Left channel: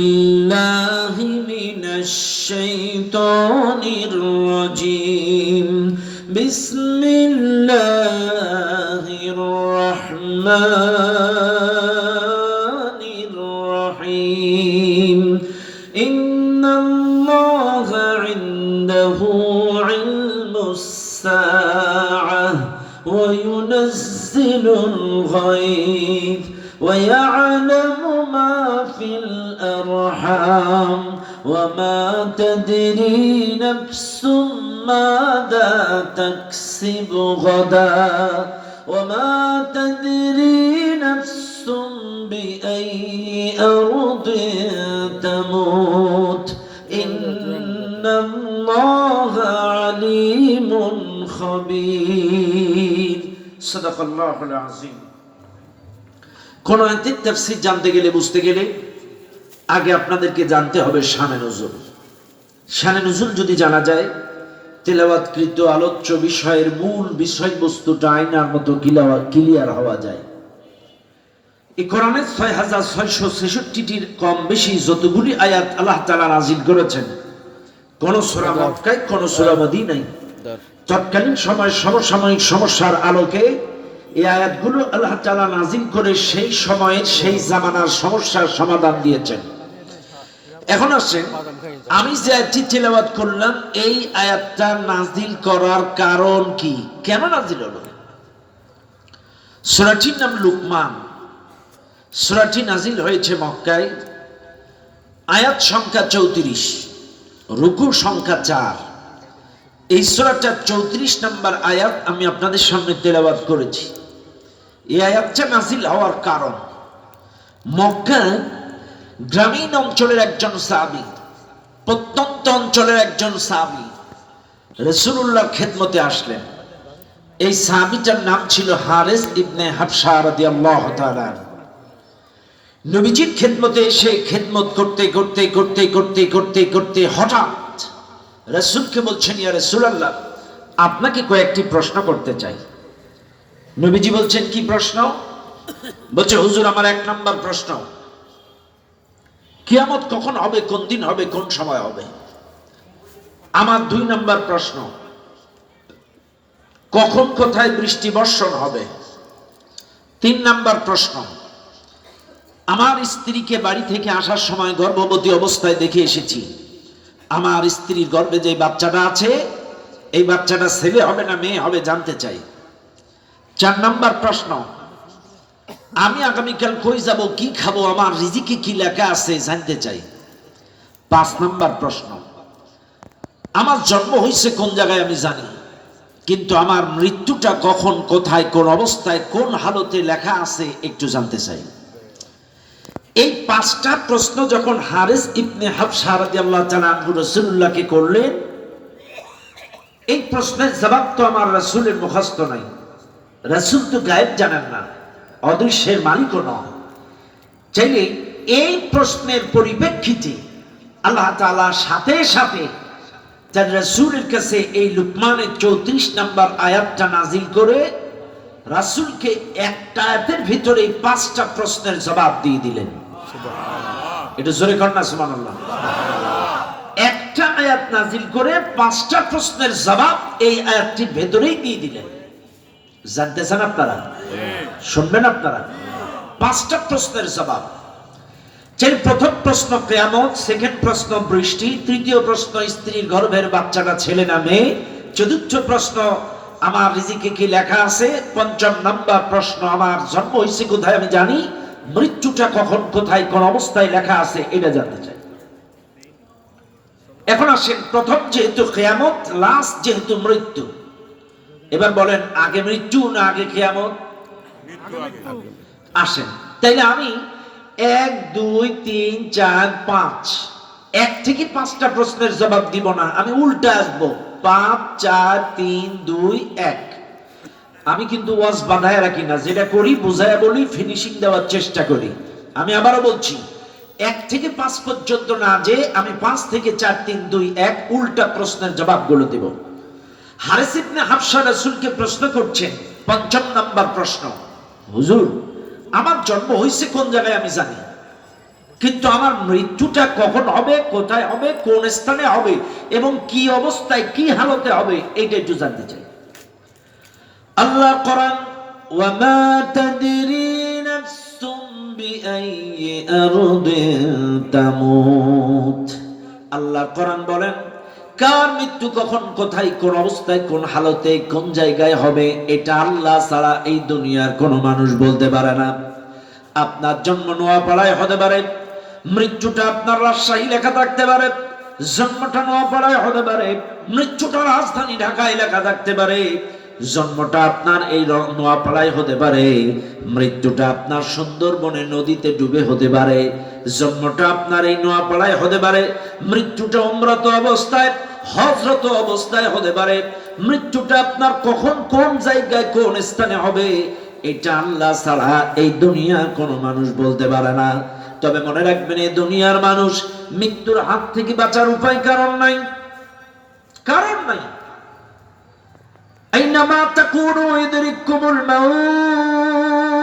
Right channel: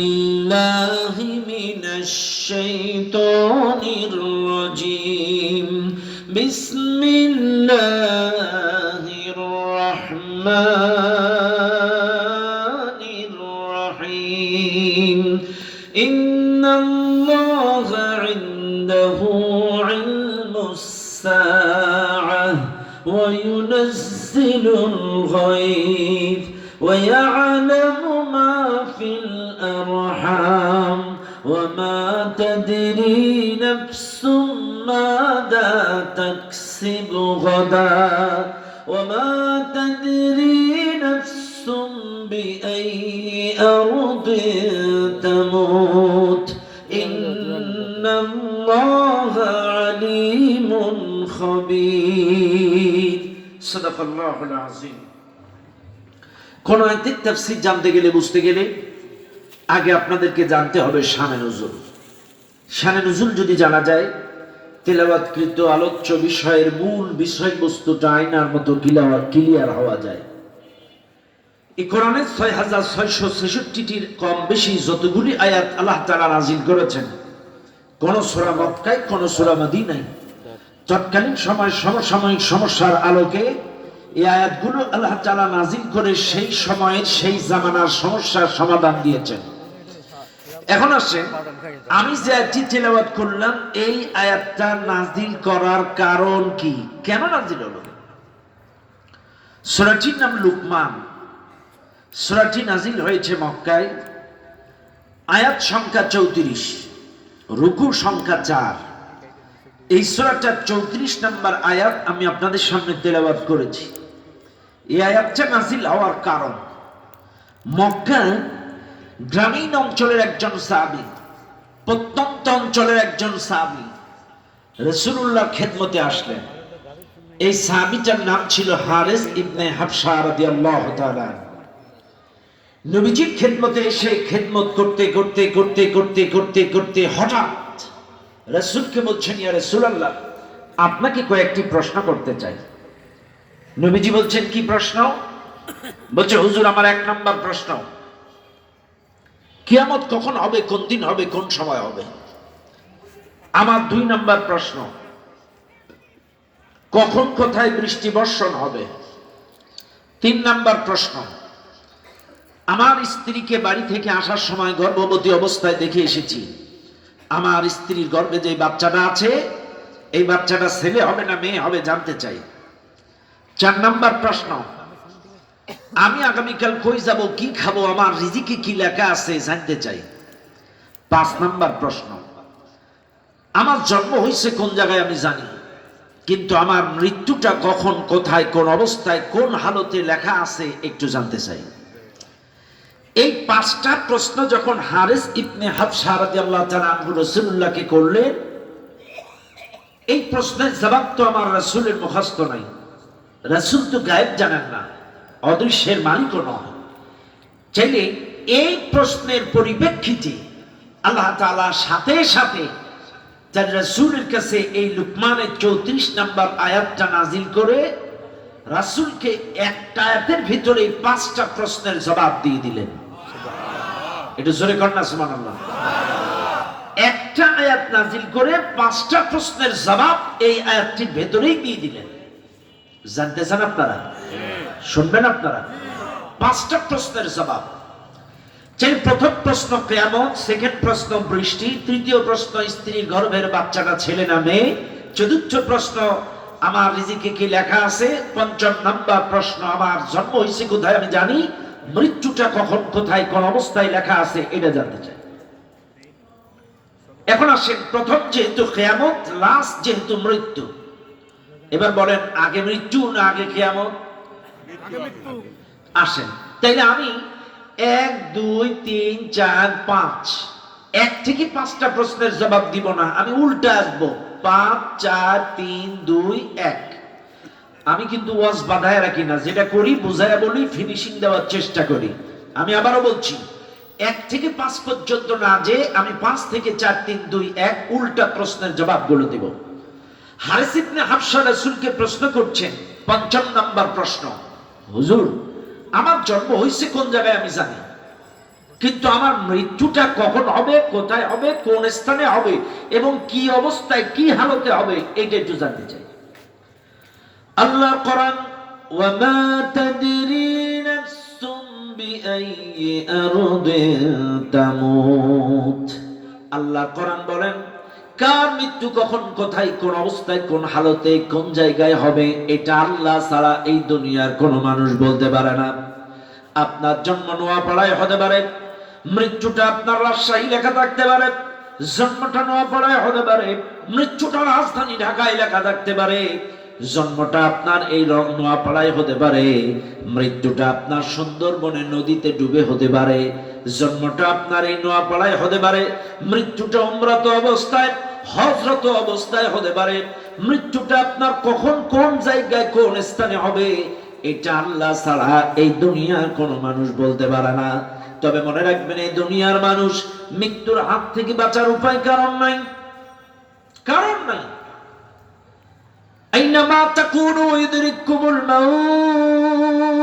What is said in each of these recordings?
الله من الشيطان الرجيم بسم الله الرحمن الرحيم إن الله عنده علم الساعة وينزل الغيث ويعلم ما في الأرحام وما تدري نفس ماذا تكسب غدا وما تدري نفس بأي أرض تموت إن الله عليم خبير صدق الله العظيم। কোন আয়াতের তাফসীর জানতে গেলে বুঝতে গেলে আগে আপনাদেরকে জানতে হবে শানে নুজুল। শানে নুজুল যদি জানা যায়, তেলাওয়াতকৃত আলোচ্য বিষয়ের মূল বিষয়বস্তুটা আয়নার মতো ক্লিয়ার হওয়া যায়। এই কোরআনের ৬৬৬৬টির কম বেশি যতগুলি আয়াত আল্লাহ তাআলা নাযিল করেছেন, কোন সূরা মক্কায় কোন সূরা মদিনায়, তৎকালীন সময় সমসাময়িক সমস্যার আলোকে এই আয়াতগুলো আল্লাহ তাআলা নাযিল করে সেই সময়ের সেই জামানার সমস্যার সমাধান দিয়েছেন। এখন আসে, আমি যে আয়াতটি তেলাওয়াত করলাম, এই আয়াতটা নাযিল করার কারণ কি, কেন নাযিল হলো? সূরাটির নাম লুকমান। সূরাটি নাযিল হয়েছে মক্কায়। আয়াত সংখ্যা ৩৪, রুকু সংখ্যা ৪। এই সূরাটার ৩৪ নম্বর আয়াত আমি আপনাদের সামনে তেলাওয়াত করেছি। এই আয়াতটা নাযিল হওয়ার কারণ, মক্কার গ্রামীণ অঞ্চলের একজন সাহাবী, প্রত্যন্ত অঞ্চলের একজন সাহাবী রাসূলুল্লাহর খেদমতে আসলেন। এই সাহাবীটার নাম ছিল হারিস ইবনে হাবশা রাদিয়াল্লাহু তাআলা। নবীজির খেদমতে এসে খেদমত করতে করতে করতে করতে করতে করতে হঠাৎ রাসূলকে বলছেন, ইয়া রাসূলুল্লাহ, আপনাকে কয়েকটি প্রশ্ন করতে চাই। নবীজি বলছেন, কি প্রশ্ন? বলছে, হুজুর, আমার ১ নম্বর প্রশ্ন, কিয়ামত কখন হবে, কোন দিন হবে, কোন সময় হবে? আমার ২ নম্বর প্রশ্ন, কখন কোথায় বৃষ্টি বর্ষণ হবে? ৩ নম্বর প্রশ্ন, আমার স্ত্রীকে বাড়ি থেকে আসার সময় গর্ভবতী অবস্থায় দেখে এসেছি। আমার স্ত্রীর গর্ভে যে বাচ্চাটা আছে, এই বাচ্চাটা ছেলে হবে না মেয়ে হবে জানতে চাই। ৪ নম্বর প্রশ্ন, আমি আগামীকাল কই যাব, কি খাবো, আমার রিজিকে কি লেখা আছে জানতে চাই। ৫ নম্বর প্রশ্ন, আমার জন্ম হয়েছে কোন জায়গায় আমি জানি, কিন্তু আমার মৃত্যুটা কখন, কোথায়, কোন অবস্থায়, কোন হালতে লেখা আছে একটু জানতে চাই। এই ৫টা প্রশ্ন যখন হারিস ইবনে হাবশা রাদিয়াল্লাহু তাআলা আনহু রাসূলুল্লাহকে করলেন, এই প্রশ্নের জবাব তো আমার রাসূলের মুখস্থ নাই। রাসূল তো গায়েব জানেন না, অদৃশ্যের মালিকও নয়। চাইলে এই প্রশ্নের পরিপ্রেক্ষিতে আল্লাহ তাআলা সাথে সাথে তার রাসূলের কাছে এই লুকমানের ৩৪ নম্বর আয়াতটা নাযিল করে রাসূলকে একটা আয়াতের ভিতরে ৫টা প্রশ্নের জবাব দিয়ে দিলেন। এটা জোরে কর না সুবহানাল্লাহ। একটা আয়াত নাযিল করে ৫টা প্রশ্নের জবাব এই আয়াতটির ভেতরেই দিয়ে দিলেন। জানতে চান আপনারা? শুনবেন আপনারা? ৫টা প্রশ্নের জবাব। প্রথম প্রশ্ন কিয়ামত, সেকেন্ড প্রশ্ন বৃষ্টি, তৃতীয় প্রশ্ন স্ত্রীর গর্ভের বাচ্চাটা ছেলে না মেয়ে, চতুর্থ প্রশ্ন আমার রিজিকে কি লেখা আছে, পঞ্চম নাম্বার প্রশ্ন আমার জন্ম হয়েছে কোথায় আমি জানি, মৃত্যুটা কখন, কোথায়, কোন অবস্থায় লেখা আছে এটা জানতে চাই। এখন আসেন, প্রথম যেহেতু কিয়ামত, লাস্ট যেহেতু মৃত্যু, এবার বলেন আগে মৃত্যু না আগে কিয়ামত? আসেন, তাইলে আমি ১ ২ ৩ ৪ ৫ ১ থেকে ৫টা প্রশ্নের জবাব দিব না, আমি উল্টা আসবো, ৫ ৪ ৩ ২ ১। আমি কিন্তু ওয়াজ বাঁধায় রাখি না, যেটা করি বুঝায় বলি, ফিনিশিং দেওয়ার চেষ্টা করি। আমি আবারও বলছি, ১ থেকে ৫ পর্যন্ত না যে আমি ৫ থেকে ৪ ৩ ২ ১ উল্টা প্রশ্নের জবাবগুলো দেব। হারিস ইবনে হাবশা রাসূলকে প্রশ্ন করছেন, ৫ম নাম্বার প্রশ্ন, হুজুর আমার জন্ম হয়েছে কোন জায়গায় আমি জানি, কিন্তু আমার মৃত্যুটা কখন হবে, কোথায় হবে, কোন স্থানে হবে এবং কি অবস্থায় কি হালতে হবে এটা একটু জানতে চাই। আল্লাহ কোরআন ওয়ামা তাদরি নাফসুম বিআইয়ি আরদিন তামুত, আল্লাহ কোরআন বলেন কার মৃত্যু কখন কোথায় কোন অবস্থায় কোন হালতে কোন জায়গায় হবে এটা আল্লাহ ছাড়া এই দুনিয়ার কোন মানুষ বলতে পারে না। আপনার জন্ম নোয়াপাড়ায় হতে পারে, মৃত্যুটা আপনার রাজশাহী লেখা থাকতে পারে, জন্মটা নোয়াপাড়ায় হতে পারে, মৃত্যুটা রাজধানী ঢাকায় লেখা থাকতে পারে, জন্মটা আপনার এই নোয়াপাড়ায় হতে পারে, মৃত্যুটা আপনার সুন্দরবনে নদীতে ডুবে হতে পারে, জন্মটা আপনার এই নোয়াপাড়ায় হতে পারে, মৃত্যুটা উমরাত অবস্থায় হজরত অবস্থায় হতে পারে, মৃত্যুটা আপনার কখন কোন জায়গায় কোন স্থানে হবে এটা আল্লাহ ছাড়া এই দুনিয়া কোন মানুষ বলতে পারে না। তবে মনে রাখবেন এই দুনিয়ার মানুষ মৃত্যুর হাত থেকে বাঁচার উপায় কারণ নাই, কারণ নাই। আইনামা তাকুনু ইদরিকুমুল মাউত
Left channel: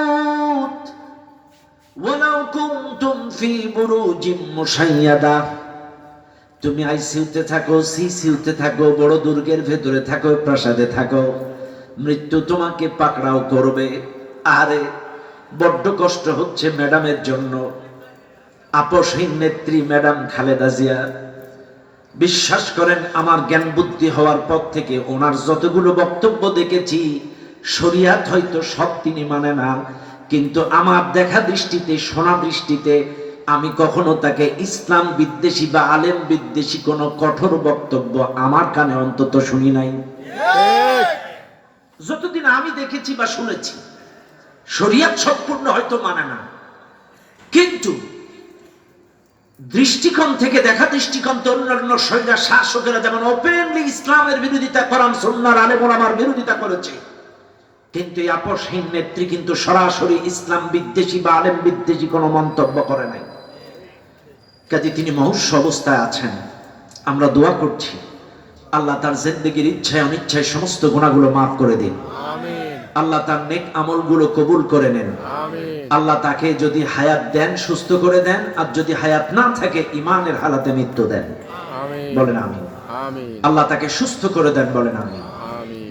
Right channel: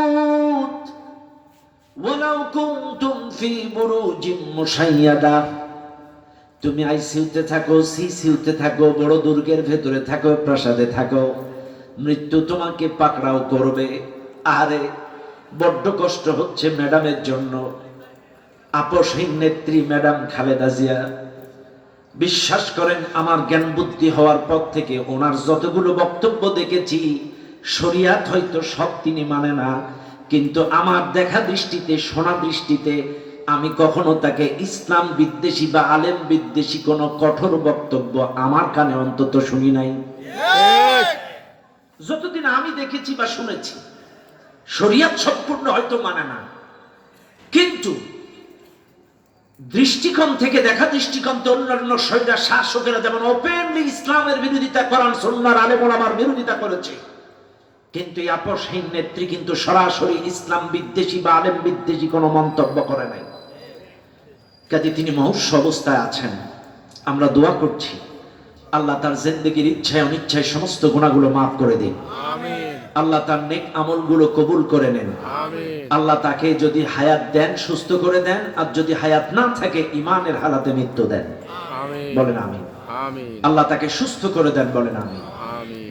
ওয়ালাউ কুনতুম ফি বুরুজিম মুশাইয়াদা, তুমি আইসিইউতে থাকো, সিসিইউতে থাকো, বড় দুর্গের ভেতরে থাকো, প্রাসাদে থাকো, মৃত্যু তোমাকে পাকড়াও করবে। আরে বড্ড কষ্ট হচ্ছে ম্যাডামের জন্য, আপসহীন নেত্রী ম্যাডাম খালেদা জিয়া। বিশ্বাস করেন আমার জ্ঞান বুদ্ধি হওয়ার পর থেকে ওনার যতগুলো বক্তব্য দেখেছি, শরিয়াত হয়তো সব তিনি মানে না, কিন্তু আমার দেখা দৃষ্টিতে শোনা দৃষ্টিতে আমি কখনো তাকে ইসলাম বিদ্বেষী বা আলেম বিদ্বেষী কোনো কঠোর বক্তব্য আমার কানে অন্তত শুনি নাই। যতদিন আমি দেখেছি বা শুনেছি শরিয়াত সম্পূর্ণ হয়তো মানে না, কিন্তু দৃষ্টিকোণ থেকে দেখা দৃষ্টিকোণ থেকে অন্যান্য শরিয়া শাসকেরা যেমন ওপেনলি ইসলামের বিরোধিতা করেন, সুন্নাহর আলেম ওলামার বিরোধিতা করেছে, কিন্তু এই আপসহীন নেত্রী কিন্তু সরাসরি ইসলাম বিদ্বেষী বা আলেম বিদ্বেষী কোনো মন্তব্য করে নাই। কাজে তিনি মহর্ষ অবস্থায় আছেন। আমরা দোয়া করছি আল্লাহ তার জিন্দেগীর ইচ্ছায় অনিচ্ছায় সমস্ত গুনাহগুলো মাফ করে দিন, আমিন। আল্লাহ তার নেক আমলগুলো কবুল করে নেন, আমিন। আল্লাহ তাকে যদি হায়াত দেন সুস্থ করে দেন, আর যদি হায়াত না থাকে ঈমানের হালাতে মৃত্যু দেন, আমিন। বলেন আমিন, আমিন। আল্লাহ তাকে সুস্থ করে দেন, বলেন আমিন, আমিন।